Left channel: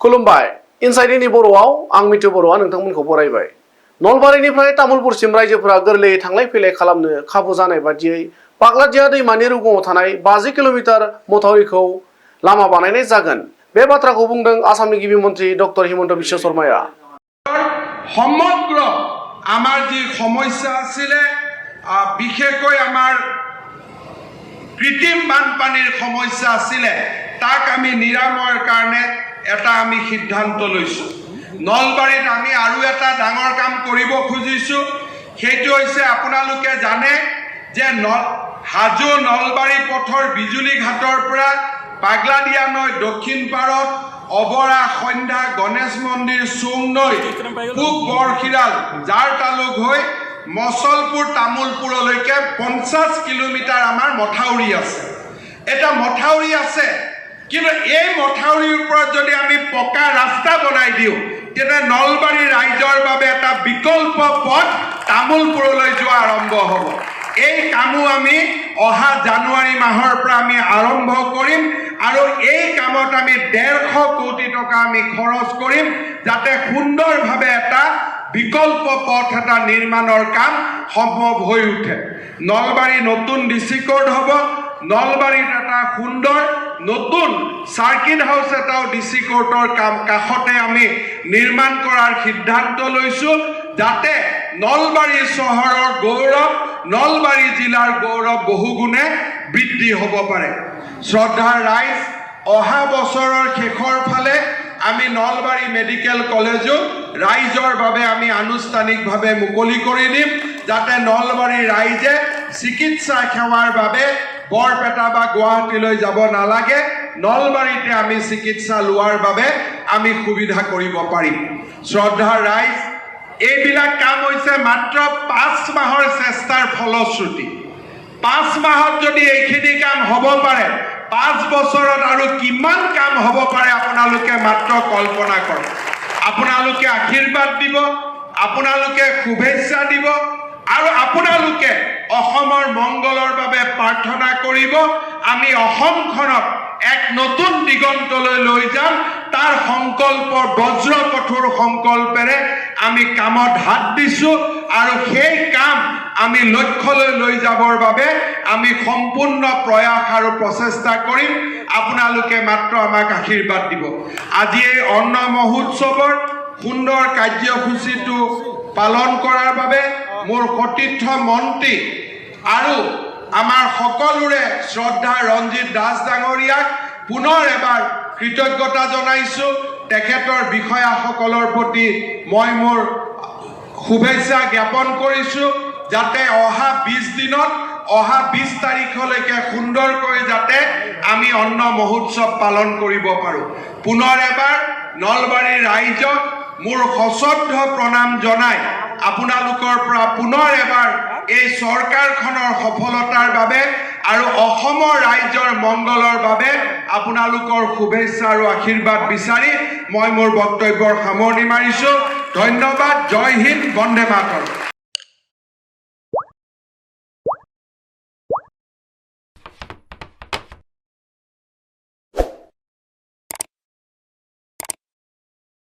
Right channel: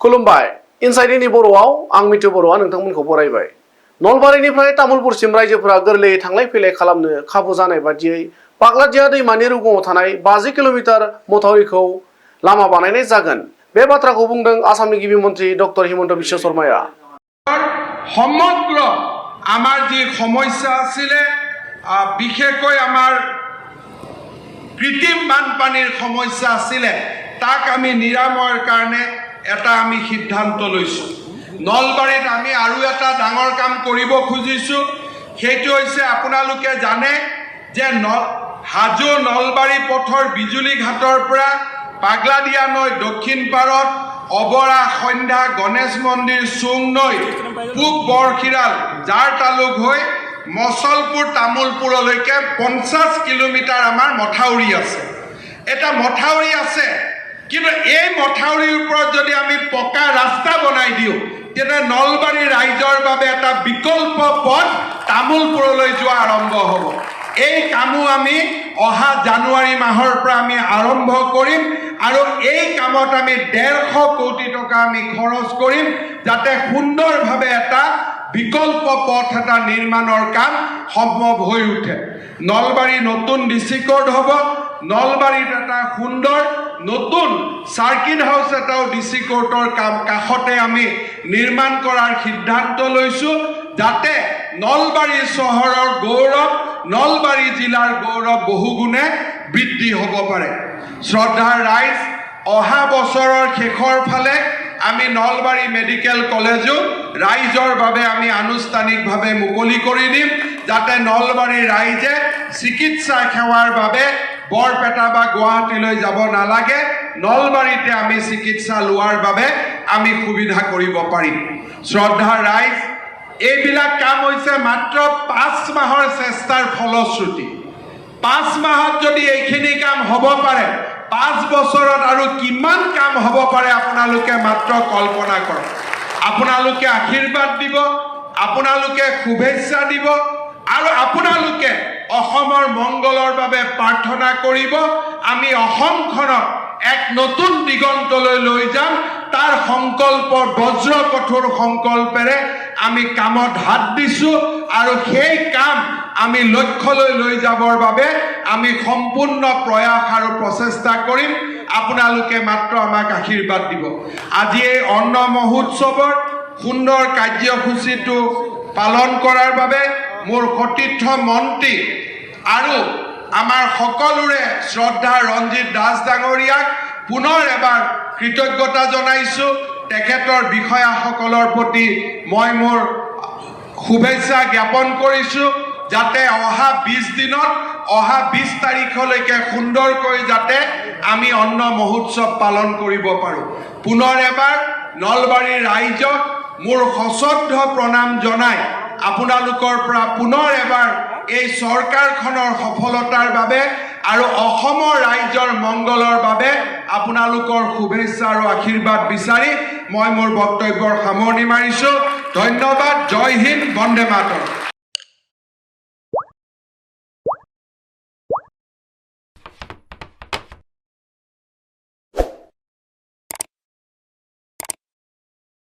खुलुमबाय इनसाइडनि बर'आव आं मिथु बर'आ नोंथांमोनखौ बरायबाय। नलबारिनिफ्राय तामुलपुरसिम रायजोफोरा गोरलैयै थांलाय फैलाय खालामनो खाबु जानाय बादियै पाग्लादिया दैमानि रुगुङाव थानाय 50 किल'मिटार मथावरिखौ लामा बानायनाय जागोन। बे बाथ्राखौ बुंदों आसामनि गिबि मन्थ्रि डक्टर हिमन्त बिश्व शर्माया। সমগ্ৰ আমাৰ যে সমস্যা আছিলে বিশেষকৈ আমাৰ কৃত্ৰিম বানপানীৰ সমস্যা আছিলে তাক আমি নিৰাময়ৰ কাৰণে এটা আমি সিদ্ধান্ত লৈছো। নলবাৰীত আমি আৰু এটা ডাঙৰ কাম কৰিব খুজিছো, সেইটো হৈছে আপোনালোকে জানে যে হাজো নলবাৰী পথৰ বিজুলী ঘাটৰ পৰা পাগলাদিয়া নৈ দক্ষিণ পাৰত অবৰা সন্ধ্যা গণেশ মন্দিৰ চুংনৈ পূব বৰখিৰাল যাৰ তালুক হৈ মছলপুৰ তামুলপুৰলৈকে 50 কিলোমিটাৰ আমাৰ মথাউৰি আছে। এটা মথাউৰি আছে, কিন্তু এই মথাউৰিৰ ওপৰত যদি আমি পকা ৰাস্তা বনাই দিওঁ তেনে নলবাৰী ৰাইজৰ বাবে এটা বিকল্প পথ তামুলপুৰলৈ যোৱা আৰম্ভ হ'ব। এই কামো আমি অহা জানুৱাৰী মাহৰ পৰা আমি আৰম্ভ কৰিম আৰু এই কামত আমি 150 কোটি টকা আমি খৰচ কৰিম যাতে সুন্দৰভাৱে এটা বিকল্প পথ এটা নিৰ্মাণৰ কাম সম্ভৱ হৈ উঠে। নলবাৰী নতুন ডিসি কোড হ'ব, নলবাৰীত এটা সুন্দৰ নতুন সাৰ্কিট হাউস এটাও ডিসি কোৰ্টৰ কাষতে আমি নিৰ্মাণ কৰাৰ সিদ্ধান্ত লৈছো যাতে নলবাৰী চহৰৰ গৌৰৱ, নলবাৰী জিলাৰ গৌৰৱ বহুগুণে বৃদ্ধি হ'ব পাৰে। শ্ৰদ্ধাৰ ৰাইজ, অহা বছৰৰ শেষৰ ফালে আমি নলবাৰী মেডিকেল কলেজো ৰাইজৰ বাবে আমি আনুষ্ঠানিকভাৱে মুকলি কৰি দিম যাতে নলবাৰী ৰাইজে চিকিৎসা সেৱাৰ বাবে বৰপেটা বা গুৱাহাটীলৈ যাব নালাগে, নলবাৰীতে আমি চিকিৎসা লোৱাৰ বাবে আমি সুবিধা কৰিব পাৰিম। শ্ৰদ্ধাৰ ৰাইজ, এইবিলাক কাম হৈছে মাত্ৰ 5 মাহৰ চেষ্টাৰ ফলশ্ৰুতি। 5 মাহত যদি এইখিনি কাম হ'ব পাৰে, 5 বছৰত আৰু কিমান কাম হ'ব পাৰে আপোনালোকে মাত্ৰ কল্পনা কৰক। আপোনালোকে আশীৰ্বাদ দিব, আপোনালোকে শুভেচ্ছা দিব আৰু আপোনালোকে অসমৰ মংগলৰ বাবে প্ৰাৰ্থনা কৰিব। আমি অসমখনক এক নতুন দিগন্তলৈ লৈ যাম, তাৰ সংকল্প বজ্ৰ কঠোৰ সংকল্পেৰে আমি কামত হাত দিছো আৰু সেই কাম আমি লক্ষ্যলৈ লৈ যাবৰ বাবে আমি সম্পূৰ্ণ প্ৰয়াস আৰু প্ৰচেষ্টা কৰিম। আপোনালোকে মাত্ৰ আমাক আশীৰ্বাদ দিব। আজি এই অন্ন মহোৎসৱৰ সুন্দৰ কাৰ্যসূচীটো পালন কৰাৰ বাবে মোৰ সতীৰ্থ মন্ত্ৰী আৰু আমাৰ সকলোৰে শ্ৰদ্ধা ৰঞ্জিত দাস ডাঙৰীয়াক পুনৰ এবাৰ কৃতজ্ঞতা জনাইছো। তেখেতৰ বিষয়াসকলৰ প্ৰতি মই মোৰ শুভেচ্ছা জ্ঞাপন কৰিছো যাতে অহা 20 দিনত, অহা 20 তাৰিখলৈকে সুন্দৰকৈ যাতে আমি অন্ন মহোৎসৱ পালন কৰিব পাৰো। পুনৰ এবাৰ নলবাৰীৰ ৰাইজক মোৰ সশ্ৰদ্ধ প্ৰণাম জনাই আপোনালোকৰ পৰা পুনৰ এবাৰ এই চৰকাৰখনৰ সফলতাৰ বাবে আৰু অসমৰ ৰাইজৰ মংগলৰ বাবে আপোনালোকৰ শুভেচ্ছা আৰু আশীৰ্বাদ বিচাৰি মই মোৰ বক্তব্যৰ সামৰণি মাৰিছো। ধন্যবাদ। জয় হিন্দ, বন্দে মাতৰম।